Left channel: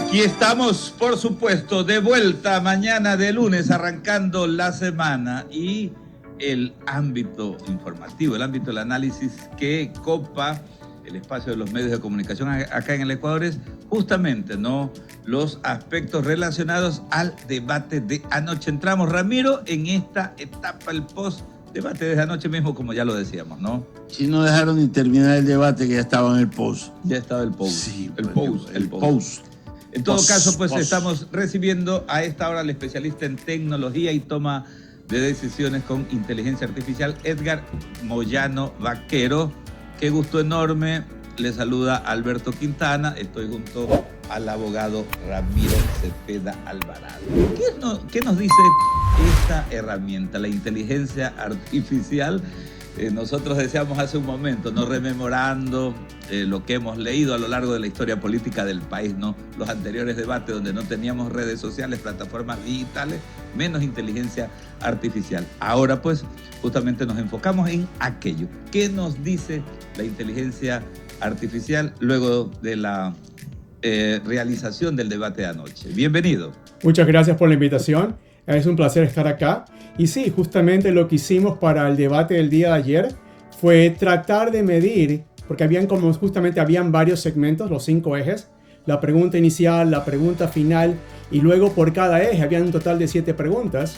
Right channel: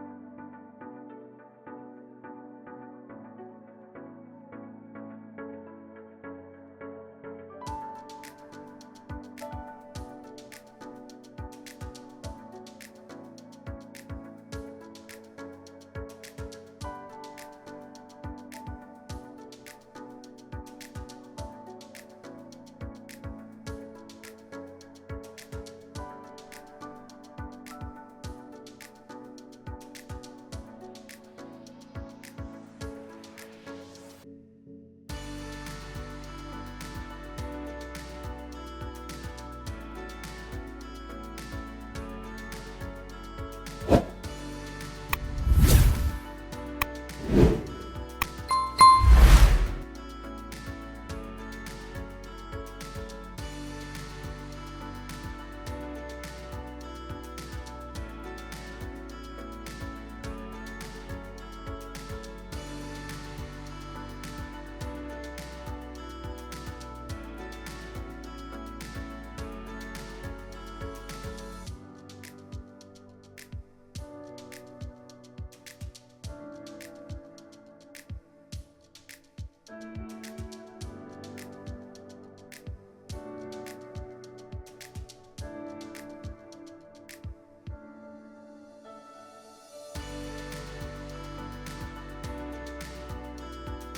Aquí estamos, por supuesto, de vuelta mañana de lunes, arrancando la semana y el ámbito informativo, el ámbito del análisis que copa el espacio de los medios de comunicación acá en el Ecuador es justamente, ¿no?, los aspectos relacionados al debate de anoche. Entramos, Ramiro, en esta etapa, el post-debate desde anoche mismo, como ya lo decíamos, ¿no? Si no dejaron ni terminar el debate, que ya estaba en el post. Ya estaba el post. Sí, el post. En todo caso, pues estamos recibiendo a esta hora al especialista en tecnología y toma de decisiones con inteligencia artificial, Edgar Moyano Vaquero. Qué gusto enorme. Le saluda Alberto Quintana. Estoy junto al abogado Ramiro Cepeda Alvarado. ¿Qué nos dice esta herramienta, la inteligencia artificial? Nosotros decíamos hace un momento, ¿no?, rememorando lo que hemos leído a lo largo de la historia política del país, ¿no? Los anteriores debates donde no teníamos redes sociales, plataformas digitales, menos inteligencia artificial. Ahora pues justamente nos enfocamos en aquello. ¿Qué nos dice la inteligencia artificial luego de la realización del debate de anoche? Bienvenido. Muchas gracias por la invitación. Es un placer estar acá. Y sí, justamente lo que hicimos para el debate del día de ayer fue tratar de medir, porque habían varios segmentos, los 5 ejes, la pregunta inicial, la pregunta final, y luego por cada eje habían un total de 7 preguntas.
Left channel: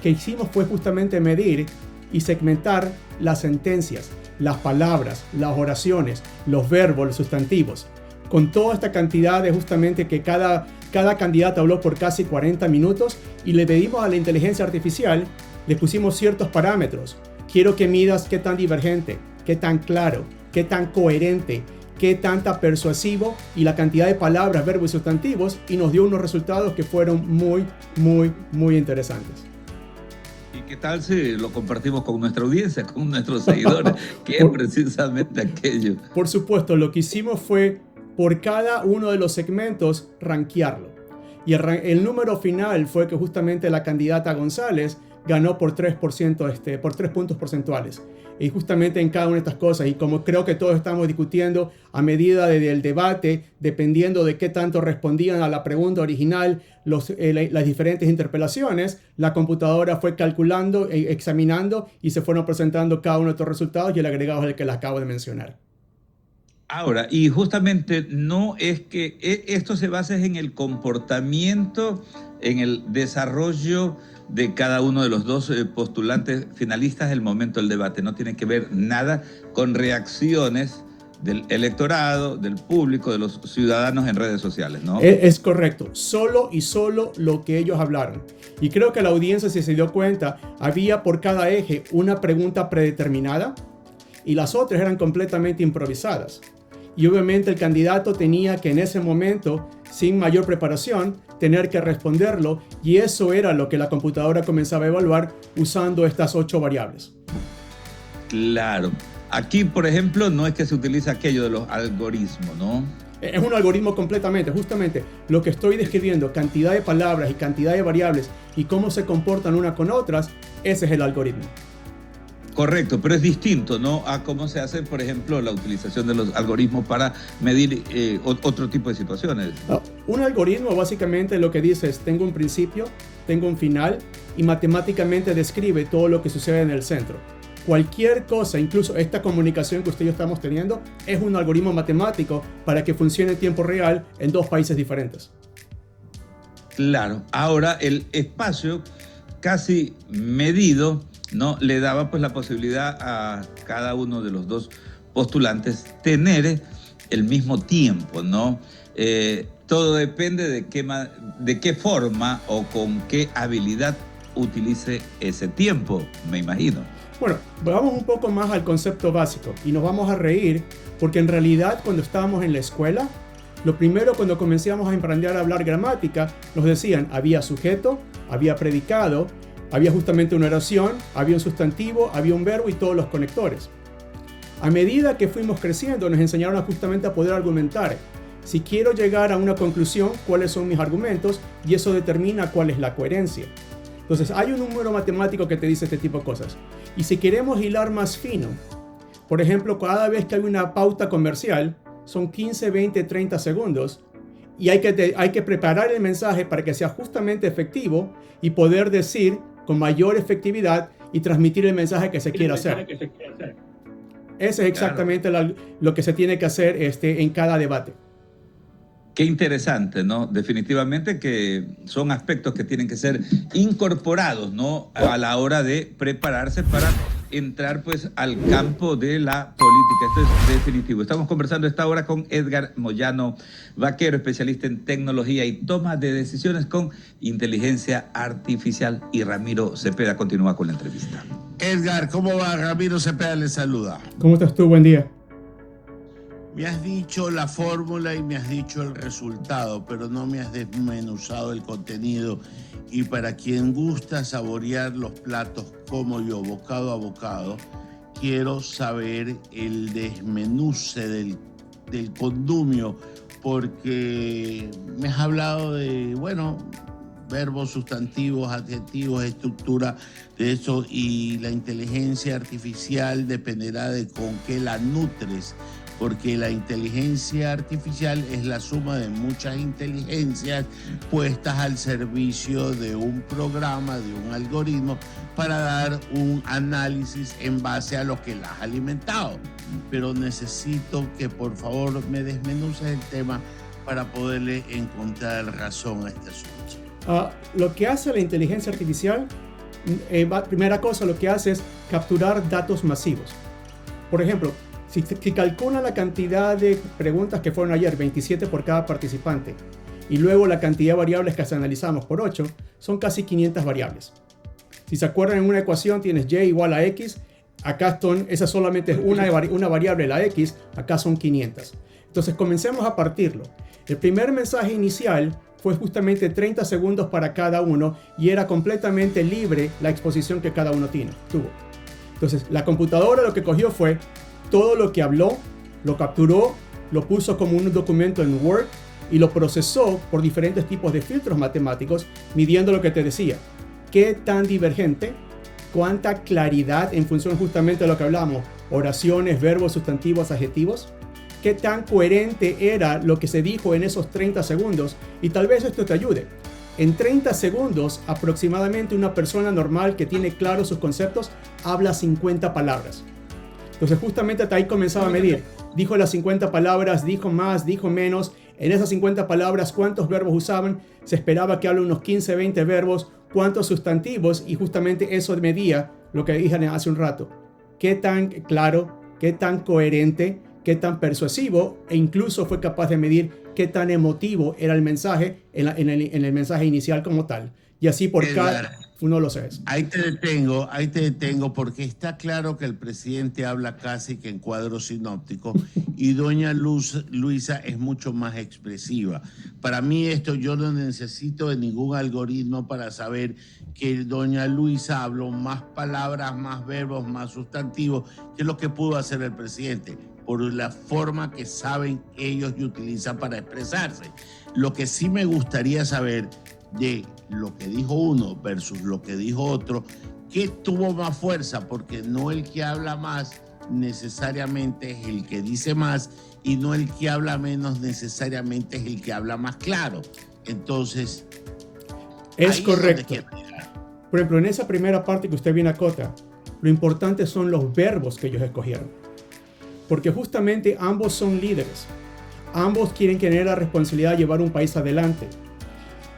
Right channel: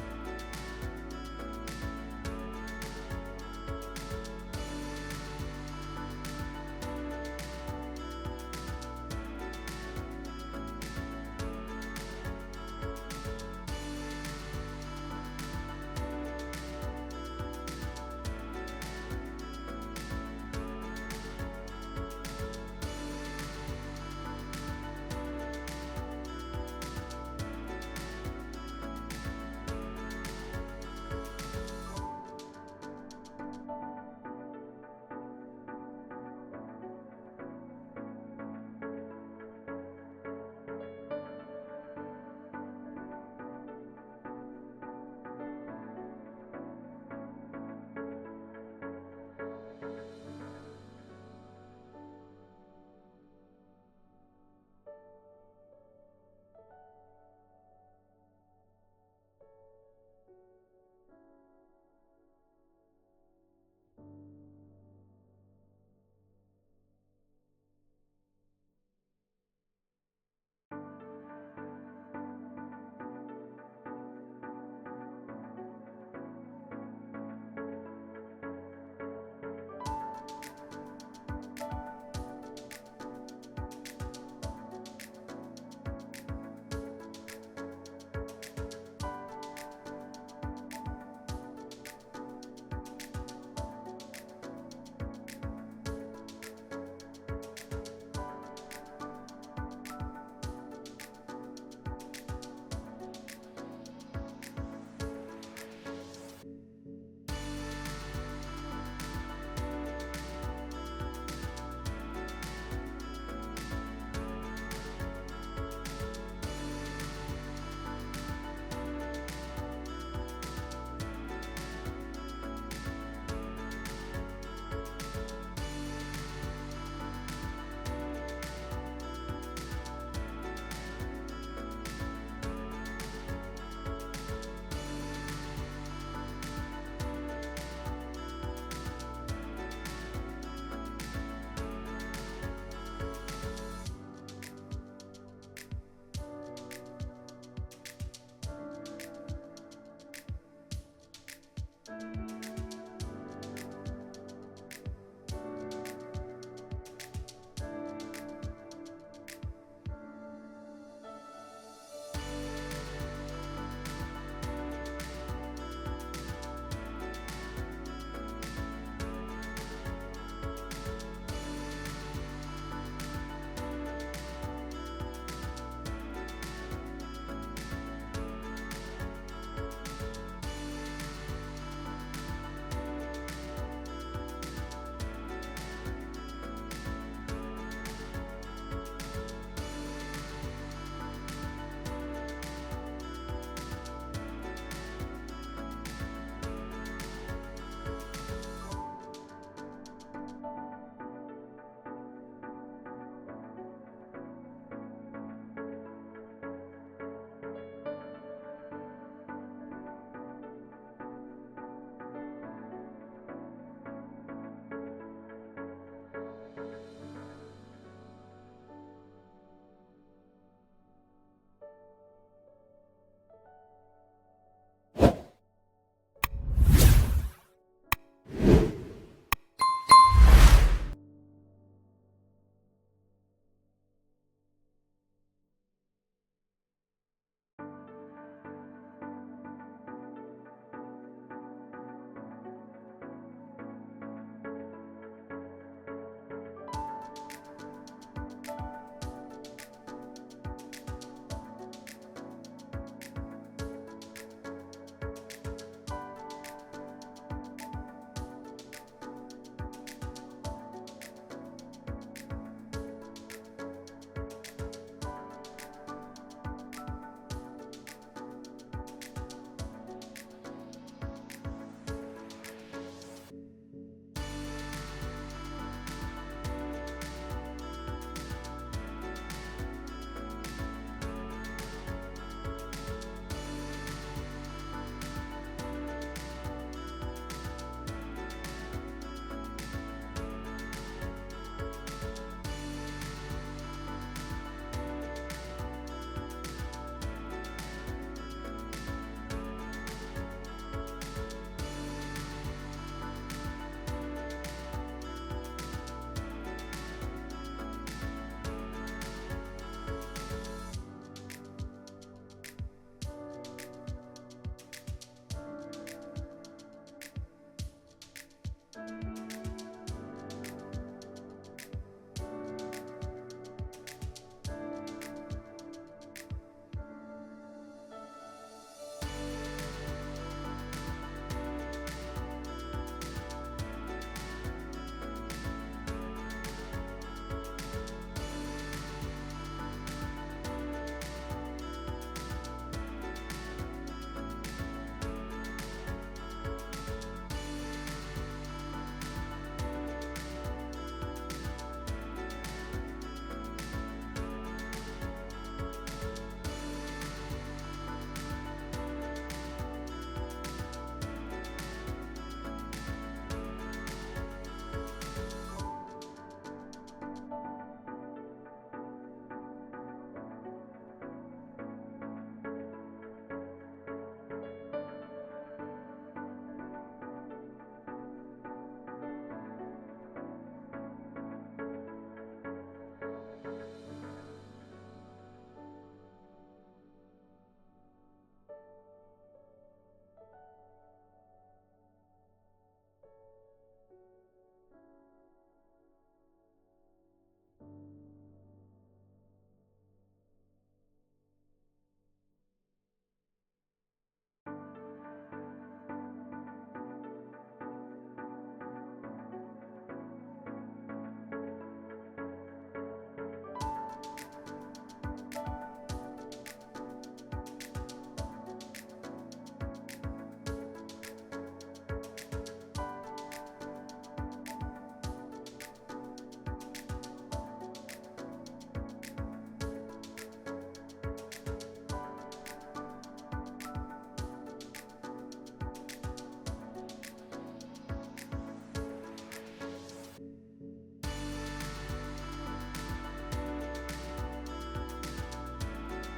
Que hicimos fue justamente medir y segmentar las sentencias, las palabras, las oraciones, los verbos, los sustantivos, con toda esta cantidad de justamente que cada candidato habló por casi 40 minutos y le pedimos a la inteligencia artificial, le pusimos ciertos parámetros. Quiero que midas qué tan divergente, qué tan claro, qué tan coherente, qué tanta persuasivo y la cantidad de palabras, verbos y sustantivos, y nos dio unos resultados que fueron muy, muy, muy interesantes. ¿Qué tal si lo compartimos con nuestra audiencia, con nuestros seguidores? ¿Qué es precisamente aquello? Por supuesto, lo que hicimos fue por cada uno de los segmentos rankearlo. Y el número final fue que justamente la candidata González ganó por 3%, por 3 puntos porcentuales. Y justamente en cada una de estas cosas, y como creo que todos estamos discutiendo a medida del debate, dependiendo de qué tanto respondían a la pregunta original las diferentes interpelaciones, la computadora fue calculando, examinando y se fueron presentando cada uno de estos resultados, y el agregado es el que les acabo de mencionar. Ahora, y justamente no es que esto se basa en el comportamiento, en el desarrollo de cada uno de los dos postulantes finalistas del momento del debate. No tiene que ver nada con reacciones del electorado, del público, de los ciudadanos en redes sociales, ¿no? Es correcto, solo lo que ellos hablaron. Y creo que la audiencia, si se dio cuenta, había por cada eje una pregunta predeterminada y las otras eran completamente improvisadas. Y obviamente el candidato tenía que en ese momento, sin mayor preparación, tener que responderlo, y eso era lo que la computadora comenzaba a evaluar usando estas 8 variables. Claro. Aquí, por ejemplo, no es que se utiliza aquello de los algoritmos, ¿no? Es un algoritmo completamente, justamente lo que estoy describiendo, cantidad de palabras y cantidad de variables y cómo se comportan unas con otras, ese es el algoritmo. Correcto, pero es distinto, ¿no?, a cómo se hace, por ejemplo, la utilización de los algoritmos para medir otro tipo de situaciones. Un algoritmo básicamente lo que dice es: tengo un principio, tengo un final, y matemáticamente describe todo lo que sucede en el centro. Cualquier cosa, incluso esta comunicación que usted y yo estamos teniendo, es un algoritmo matemático para que funcione en tiempo real en 2 países diferentes. Claro, ahora el espacio casi medido, ¿no?, le daba pues la posibilidad a cada uno de los dos postulantes tener el mismo tiempo, ¿no? Todo depende de qué forma o con qué habilidad utilice ese tiempo, me imagino. Bueno, vamos un poco más al concepto básico y nos vamos a reír porque en realidad cuando estábamos en la escuela, lo primero cuando comenzamos a aprender a hablar gramática, nos decían había sujeto, había predicado, había justamente una oración, había un sustantivo, había un verbo y todos los conectores. A medida que fuimos creciendo, nos enseñaron justamente a poder argumentar. Si quiero llegar a una conclusión, cuáles son mis argumentos, y eso determina cuál es la coherencia. Entonces, hay un número matemático que te dice este tipo de cosas. Y si queremos hilar más fino, por ejemplo, cada vez que hay una pauta comercial, son 15, 20, 30 segundos, y hay que preparar el mensaje para que sea justamente efectivo y poder decir con mayor efectividad y transmitir el mensaje que se quiere hacer. Ese es exactamente lo que se tiene que hacer en cada debate. Qué interesante, ¿no? Definitivamente que son aspectos que tienen que ser incorporados, ¿no? A la hora de prepararse para entrar, pues, al campo de la política. Esto es definitivo. Estamos conversando esta hora con Edgar Moyano Vaquero, especialista en tecnología y toma de decisiones con inteligencia artificial. Y Ramiro Cepeda continúa con la entrevista. Edgar, ¿cómo va? Ramiro Cepeda le saluda. ¿Cómo estás tú? Buen día. Me has dicho la fórmula y me has dicho el resultado, pero no me has desmenuzado el contenido. Y para quien gusta saborear los platos como yo, bocado a bocado, quiero saber el desmenuce del condumio, porque me has hablado de, verbos, sustantivos, adjetivos, estructura de eso, y la inteligencia artificial dependerá de con qué la nutres, porque la inteligencia artificial es la suma de muchas inteligencias puestas al servicio de un programa, de un algoritmo, para dar un análisis en base a lo que la has alimentado. Pero necesito que por favor me desmenuces el tema para poderle encontrar razón a este asunto. Lo que hace la inteligencia artificial, primera cosa, lo que hace es capturar datos masivos. Por ejemplo, si calcula la cantidad de preguntas que fueron ayer, 27 por cada participante, y luego la cantidad de variables que analizamos por 8, son casi 500 variables. Si se acuerdan, en una ecuación tienes y igual a x, acá esa solamente es una variable, la x, acá son 500. Entonces comencemos a partirlo. El primer mensaje inicial fue justamente 30 segundos para cada uno y era completamente libre la exposición que cada uno tuvo. Entonces la computadora lo que cogió fue todo lo que habló, lo capturó, lo puso como un documento en Word y lo procesó por diferentes tipos de filtros matemáticos, midiendo lo que te decía. ¿Qué tan divergente? ¿Cuánta claridad en función justamente de lo que hablamos? Oraciones, verbos, sustantivos, adjetivos. ¿Qué tan coherente era lo que se dijo en esos 30 segundos? Y tal vez esto te ayude. En 30 segundos, aproximadamente una persona normal que tiene claros sus conceptos habla 50 palabras. Entonces justamente hasta ahí comenzaba a medir. Dijo las 50 palabras, dijo más, dijo menos. En esas 50 palabras, ¿cuántos verbos usaban? Se esperaba que hable unos 15, 20 verbos. ¿Cuántos sustantivos? Y justamente eso medía lo que dije hace un rato. ¿Qué tan claro? ¿Qué tan coherente? ¿Qué tan persuasivo? E incluso fue capaz de medir qué tan emotivo era el mensaje en el mensaje inicial como tal. Y así por cada uno lo sabes. Ahí te detengo, porque está claro que el presidente habla casi que en cuadro sinóptico y doña Luisa es mucho más expresiva. Para mí yo no necesito de ningún algoritmo para saber que doña Luisa habló más palabras, más verbos, más sustantivos que lo que pudo hacer el presidente, por la forma que saben ellos y utilizan para expresarse. Lo que sí me gustaría saber de lo que dijo uno versus lo que dijo otro, ¿qué tuvo más fuerza? Porque no el que habla más necesariamente es el que dice más y no el que habla menos necesariamente es el que habla más claro. Entonces, es correcto. Por ejemplo, en esa primera parte que usted bien acota, lo importante son los verbos que ellos escogieron. Porque justamente ambos son líderes. Ambos quieren tener la responsabilidad de llevar un país adelante.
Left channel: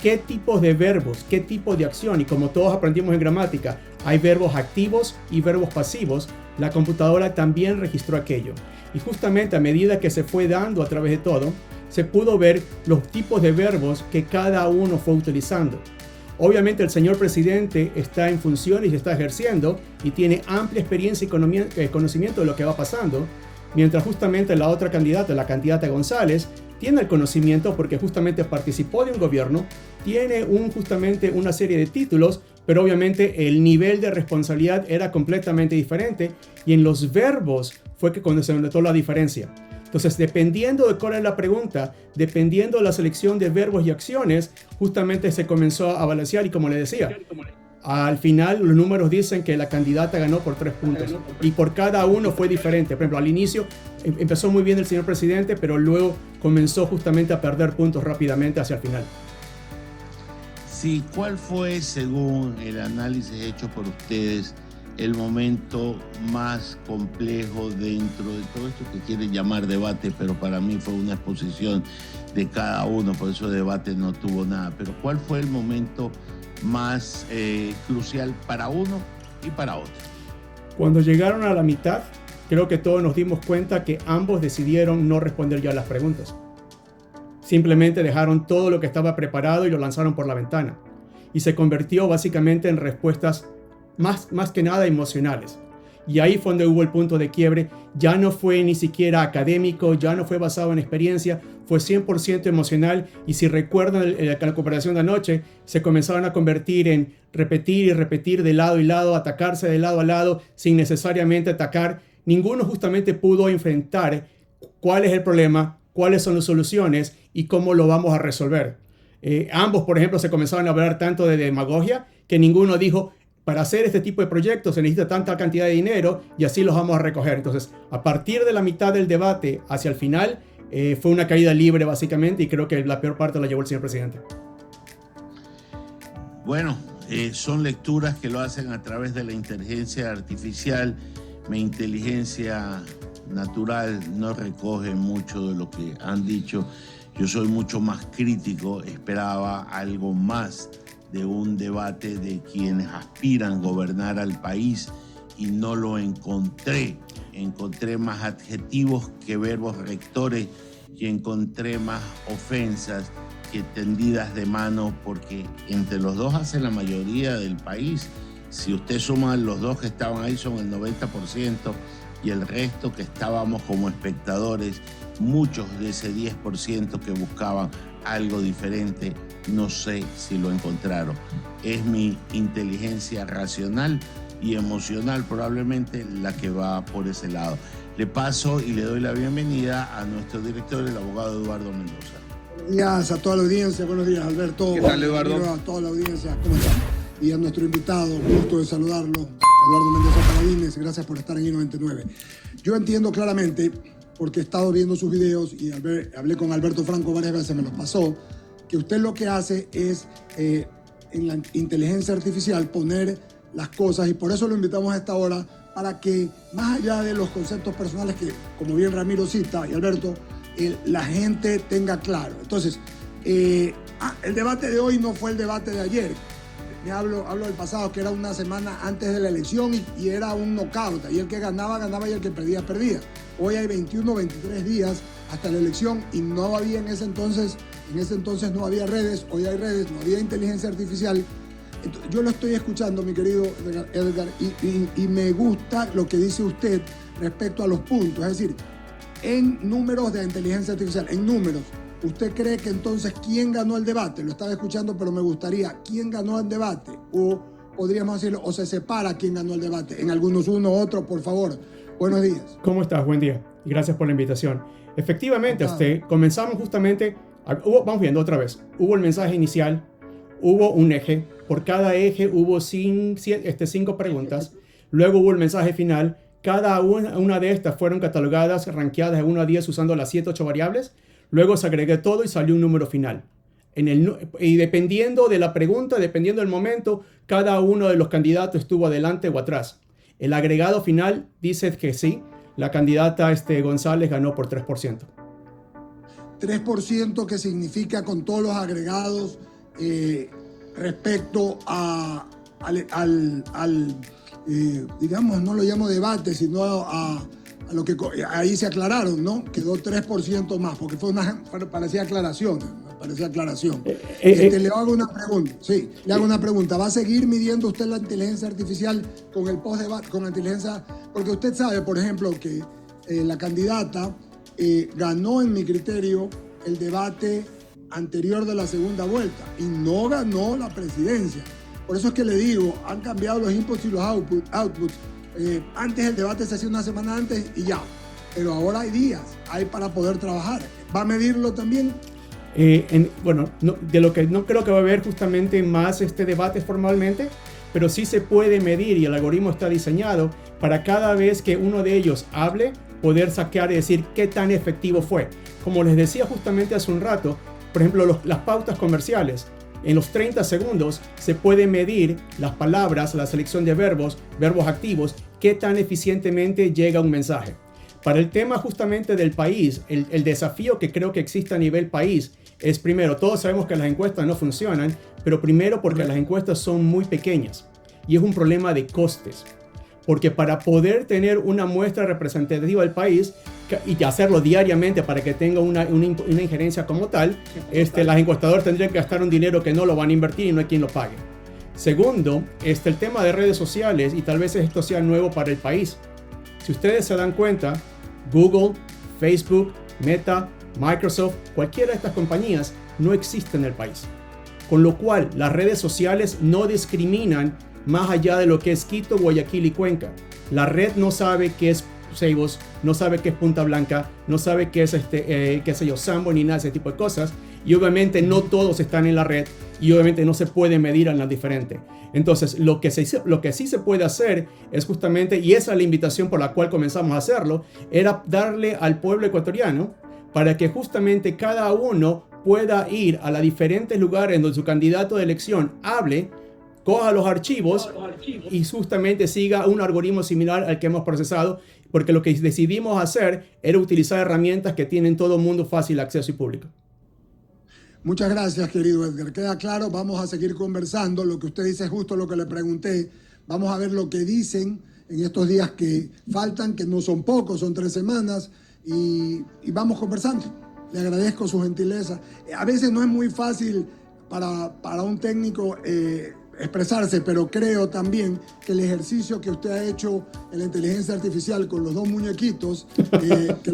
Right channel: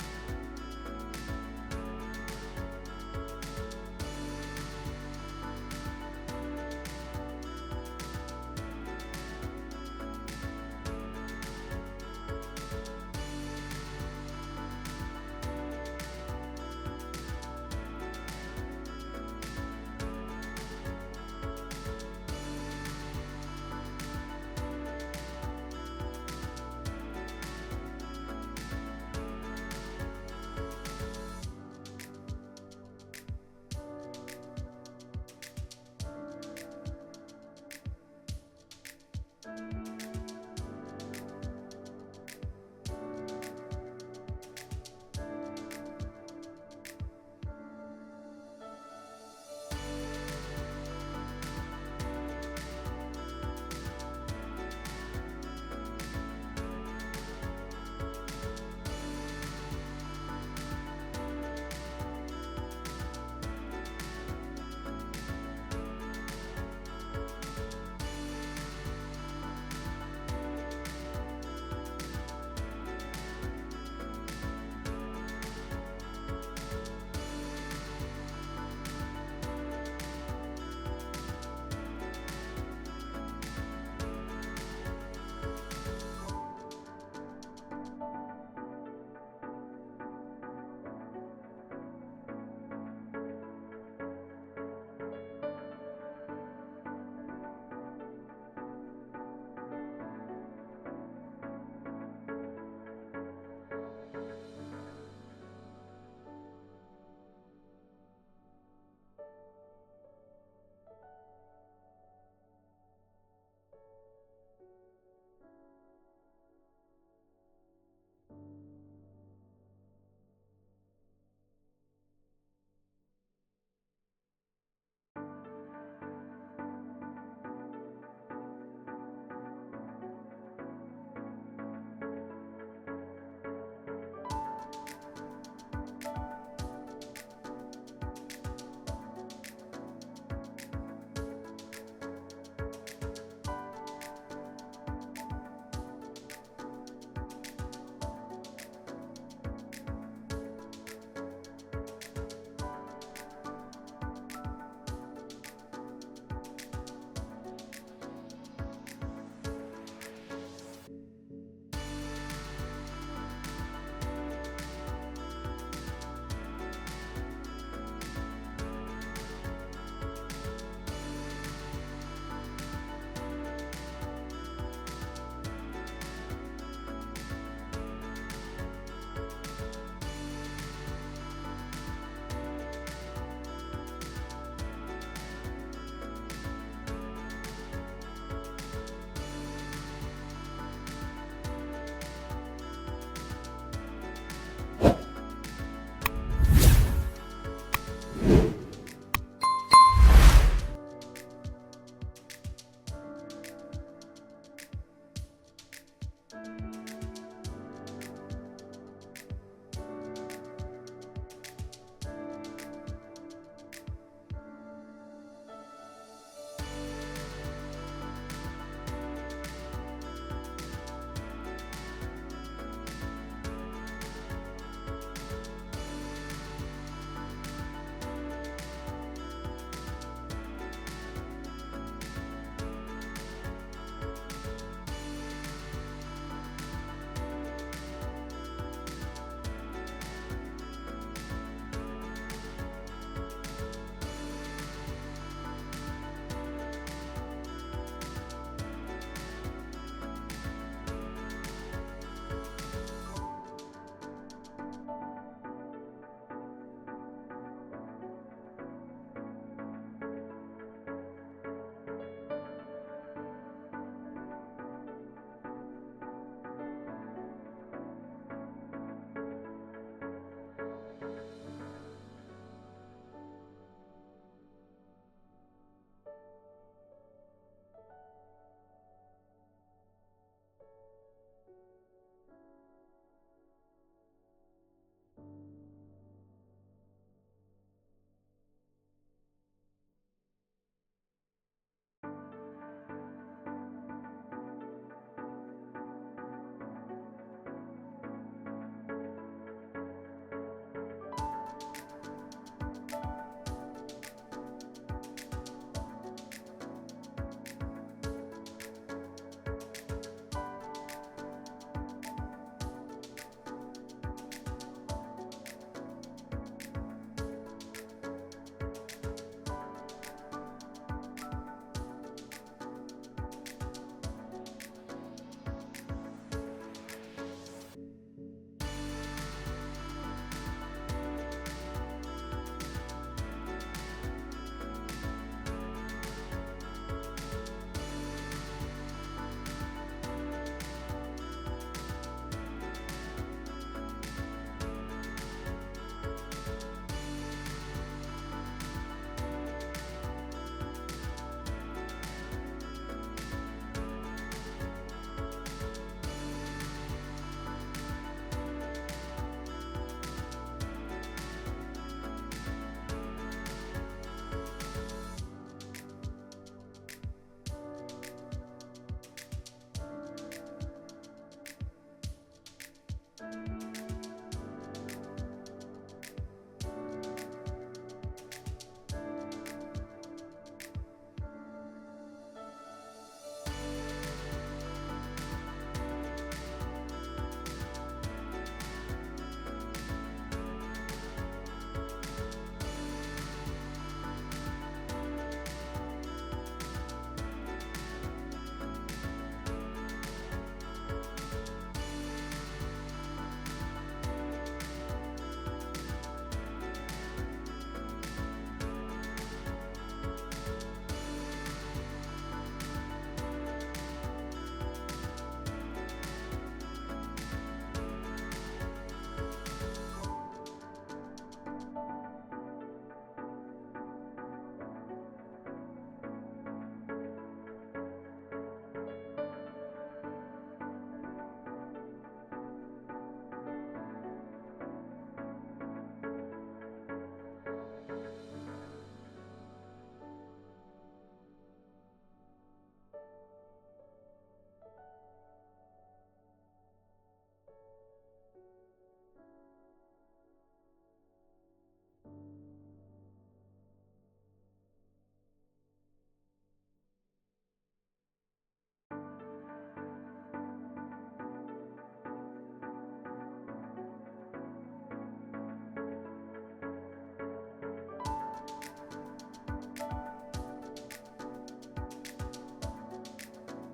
¿Qué tipos de verbos? ¿Qué tipo de acción? Y como todos aprendimos en gramática, hay verbos activos y verbos pasivos. La computadora también registró aquello. Y justamente a medida que se fue dando a través de todo, se pudo ver los tipos de verbos que cada uno fue utilizando. Obviamente el señor presidente está en funciones y está ejerciendo y tiene amplia experiencia y conocimiento de lo que va pasando, mientras justamente la otra candidata, la candidata González, tiene el conocimiento porque justamente participó de un gobierno, tiene justamente una serie de títulos, pero obviamente el nivel de responsabilidad era completamente diferente y en los verbos fue que cuando se notó la diferencia. Entonces, dependiendo de cuál es la pregunta, dependiendo de la selección de verbos y acciones, justamente se comenzó a balancear y como le decía, Al final los números dicen que la candidata ganó por 3 puntos y por cada uno fue diferente. Por ejemplo, al inicio empezó muy bien el señor presidente, pero luego comenzó justamente a perder puntos rápidamente hacia el final. Sí, ¿cuál fue, según el análisis hecho por ustedes, el momento más complejo dentro de todo esto que quieren llamar debate, pero para mí fue una exposición de cada uno, por eso debate no tuvo nada? Pero ¿cuál fue el momento más crucial para uno y para otro? Cuando llegaron a la mitad, creo que todos nos dimos cuenta que ambos decidieron no responder ya las preguntas. Simplemente dejaron todo lo que estaba preparado y lo lanzaron por la ventana. Y se convirtió básicamente en respuestas más que nada emocionales. Y ahí fue donde hubo el punto de quiebre. Ya no fue ni siquiera académico, ya no fue basado en experiencia, fue 100% emocional. Y si recuerdan la cooperación de anoche, se comenzaron a convertir en repetir y repetir de lado y lado, atacarse de lado a lado sin necesariamente atacar. Ninguno justamente pudo enfrentar cuál es el problema, cuáles son las soluciones y cómo lo vamos a resolver. Ambos, por ejemplo, se comenzaron a hablar tanto de demagogia que ninguno dijo: para hacer este tipo de proyectos se necesita tanta cantidad de dinero y así los vamos a recoger. Entonces, a partir de la mitad del debate hacia el final, fue una caída libre básicamente, y creo que la peor parte la llevó el señor presidente. Bueno, son lecturas que lo hacen a través de la inteligencia artificial. Mi inteligencia natural no recoge mucho de lo que han dicho. Yo soy mucho más crítico, esperaba algo más de un debate de quienes aspiran a gobernar al país y no lo encontré. Encontré más adjetivos que verbos rectores y encontré más ofensas que tendidas de mano, porque entre los dos hacen la mayoría del país. Si usted suma los dos que estaban ahí, son el 90%, y el resto que estábamos como espectadores, muchos de ese 10% que buscaban algo diferente, no sé si lo encontraron. Es mi inteligencia racional y emocional probablemente la que va por ese lado. Le paso y le doy la bienvenida a nuestro director, el abogado Eduardo Mendoza. Buenos días a toda la audiencia, buenos días Alberto. ¿Qué tal, Eduardo? A toda la audiencia, ¿cómo está? Y a nuestro invitado, gusto de saludarlo, Eduardo Mendoza Paladines, gracias por estar en I99. Yo entiendo claramente, porque he estado viendo sus videos y hablé con Alberto Franco varias veces, me los pasó, que usted lo que hace es en la inteligencia artificial poner las cosas, y por eso lo invitamos a esta hora, para que más allá de los conceptos personales que, como bien Ramiro cita y Alberto, la gente tenga claro. Entonces, el debate de hoy no fue el debate de ayer. Hablo del pasado, que era una semana antes de la elección y era un knockout. Y el que ganaba, ganaba, y el que perdía, perdía. Hoy hay 21, 23 días hasta la elección y no había en ese entonces no había redes, hoy hay redes, no había inteligencia artificial. Entonces, yo lo estoy escuchando, mi querido Edgar, y me gusta lo que dice usted respecto a los puntos. Es decir, en números de inteligencia artificial, en números, ¿usted cree que entonces quién ganó el debate? Lo estaba escuchando, pero me gustaría, ¿quién ganó el debate? O podríamos decirlo, o se separa quién ganó el debate. En algunos uno, otro, por favor. Buenos días. ¿Cómo estás? Buen día. Gracias por la invitación. Efectivamente, comenzamos justamente, vamos viendo otra vez. Hubo el mensaje inicial, hubo un eje, por cada eje hubo 5 preguntas, luego hubo el mensaje final. Cada una de estas fueron catalogadas, rankeadas de 1 a 10 usando las 7, 8 variables. Luego se agregó todo y salió un número final. Y dependiendo de la pregunta, dependiendo del momento, cada uno de los candidatos estuvo adelante o atrás. El agregado final dice que sí, la candidata González ganó por 3%. 3% que significa con todos los agregados respecto digamos, no lo llamo debate, sino a lo que ahí se aclararon, ¿no? Quedó 3% más, porque parecía aclaración. Le hago una pregunta. Sí, le hago una pregunta. ¿Va a seguir midiendo usted la inteligencia artificial con el post-debate, con la inteligencia? Porque usted sabe, por ejemplo, que la candidata ganó, en mi criterio, el debate anterior de la segunda vuelta y no ganó la presidencia. Por eso es que le digo, han cambiado los inputs y los outputs. Antes el debate se hacía una semana antes y ya, pero ahora hay días, hay para poder trabajar. ¿Va a medirlo también? De lo que no creo que va a haber justamente más debates formalmente, pero sí se puede medir y el algoritmo está diseñado para cada vez que uno de ellos hable, poder sacar y decir qué tan efectivo fue. Como les decía justamente hace un rato, por ejemplo, las pautas comerciales. En los 30 segundos se puede medir las palabras, la selección de verbos activos, qué tan eficientemente llega un mensaje. Para el tema justamente del país, el desafío que creo que existe a nivel país es primero, todos sabemos que las encuestas no funcionan, pero primero porque las encuestas son muy pequeñas y es un problema de costes. Porque para poder tener una muestra representativa del país y hacerlo diariamente para que tenga una injerencia como tal, las encuestadoras tendrían que gastar un dinero que no lo van a invertir y no hay quien lo pague. Segundo, el tema de redes sociales, y tal vez esto sea nuevo para el país. Si ustedes se dan cuenta, Google, Facebook, Meta, Microsoft, cualquiera de estas compañías no existen en el país. Con lo cual, las redes sociales no discriminan más allá de lo que es Quito, Guayaquil y Cuenca. La red no sabe qué es Ceibos, no sabe qué es Punta Blanca, no sabe qué es Sambo, ni nada de ese tipo de cosas. Y obviamente no todos están en la red y obviamente no se puede medir en las diferentes. Entonces, lo que sí se puede hacer es justamente, y esa es la invitación por la cual comenzamos a hacerlo, era darle al pueblo ecuatoriano para que justamente cada uno pueda ir a los diferentes lugares donde su candidato de elección hable, coja los archivos y justamente siga un algoritmo similar al que hemos procesado, porque lo que decidimos hacer era utilizar herramientas que tienen todo el mundo fácil acceso y público. Muchas gracias, querido Edgar. Queda claro, vamos a seguir conversando. Lo que usted dice es justo lo que le pregunté. Vamos a ver lo que dicen en estos días que faltan, que no son pocos, son 3 semanas, y vamos conversando. Le agradezco su gentileza. A veces no es muy fácil para un técnico expresarse, pero creo también que el ejercicio que usted ha hecho en la inteligencia artificial con los 2 muñequitos que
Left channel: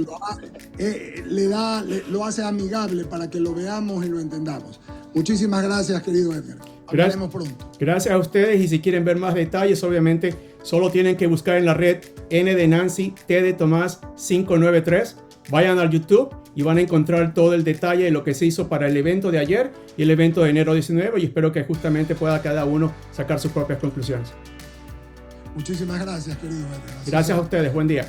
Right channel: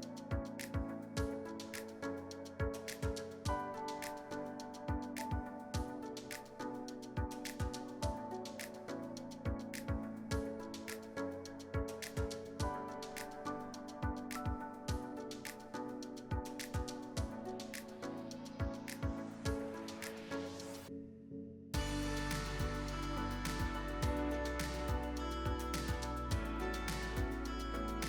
lo hace amigable para que lo veamos y lo entendamos. Muchísimas gracias, querido Edgar. Hablaremos pronto. Gracias a ustedes, y si quieren ver más detalles, obviamente solo tienen que buscar en la red N de Nancy, T de Tomás 593. Vayan al YouTube y van a encontrar todo el detalle de lo que se hizo para el evento de ayer y el evento de enero 19, y espero que justamente pueda cada uno sacar sus propias conclusiones. Muchísimas gracias, querido Edgar. Gracias a ustedes, buen día.